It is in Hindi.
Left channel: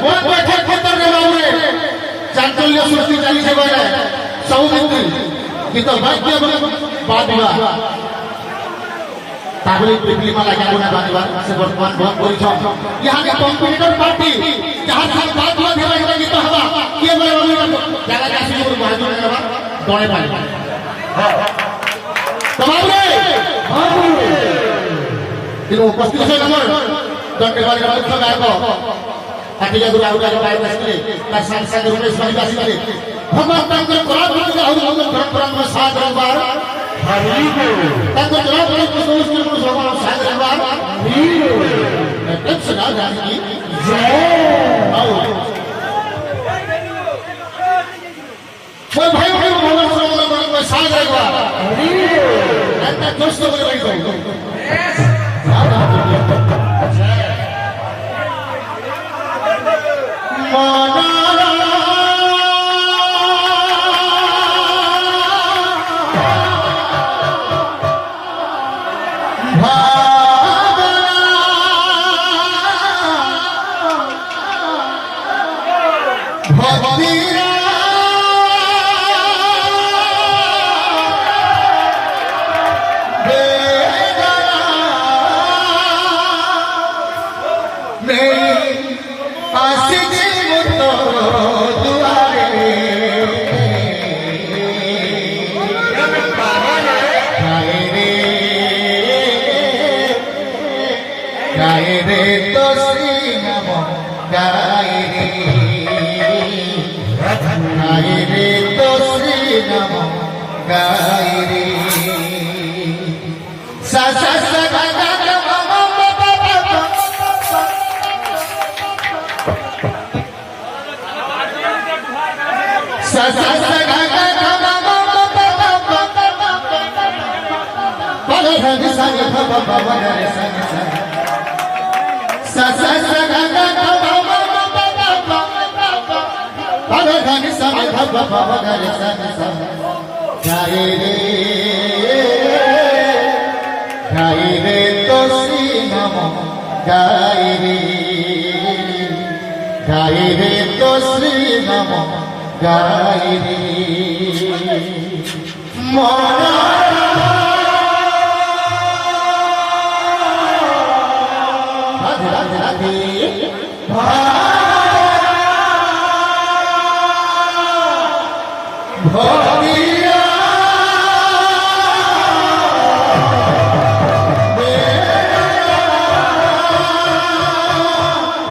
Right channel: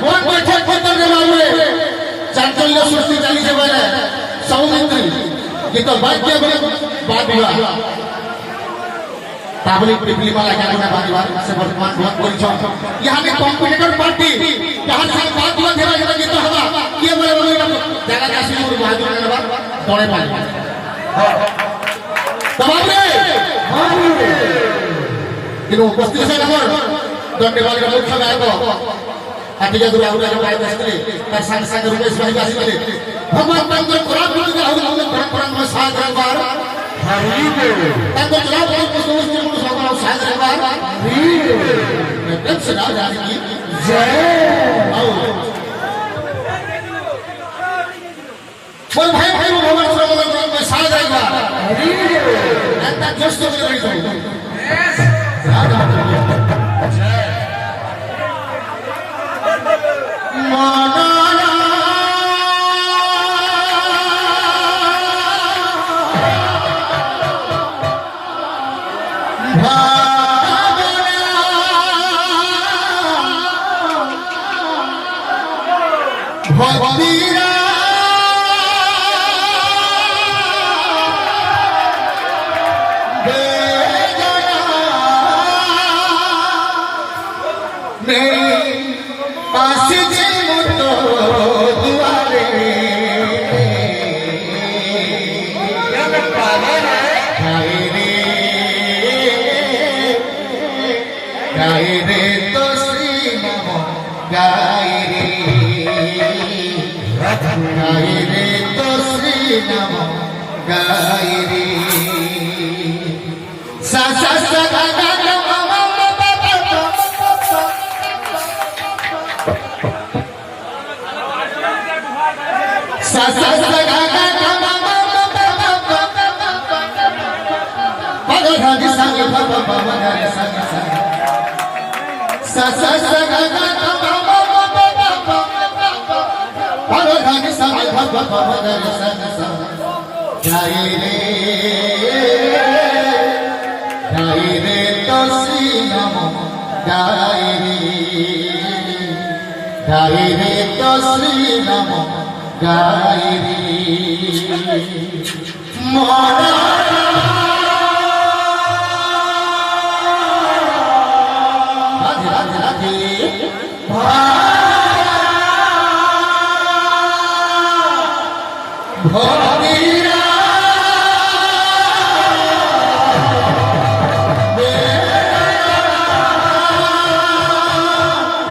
भगवान बैठे खेतर के मामले चांचल्य सृष्टि चली से बने सौमित्री कि तो भाग्य बात हुआ ताबली पिपली वाला ज्ञान में बात से वर्तमान बहुत बोली छो यहाँ के कॉम्पिटिटर पार्टी जहाँ से बात हुआ धेरा घेरा की तो हवा ये मेरे बोली का जाना जा सुनो बहादुर के बाद दौड़े पाए तमाम रे इनो उपस्थित से नंबर दंडे वाले का मुख्य नायक हाथी दूर आगुरा जो बाहर बसते तार संग संग रुमेश भाई बासी वाले भगवान तंत्र कोरापुर के आउर आउर परम में साथ रंगवार तंत्र चला कोई को दोस्त के मुझे भगवान साथ रंगवार तब से ना जाने की जय आओ कोई भाई भाई भगवान सर्वोत्तम में साथ रंगवार ऐसा दोस्त को नहीं करो Oh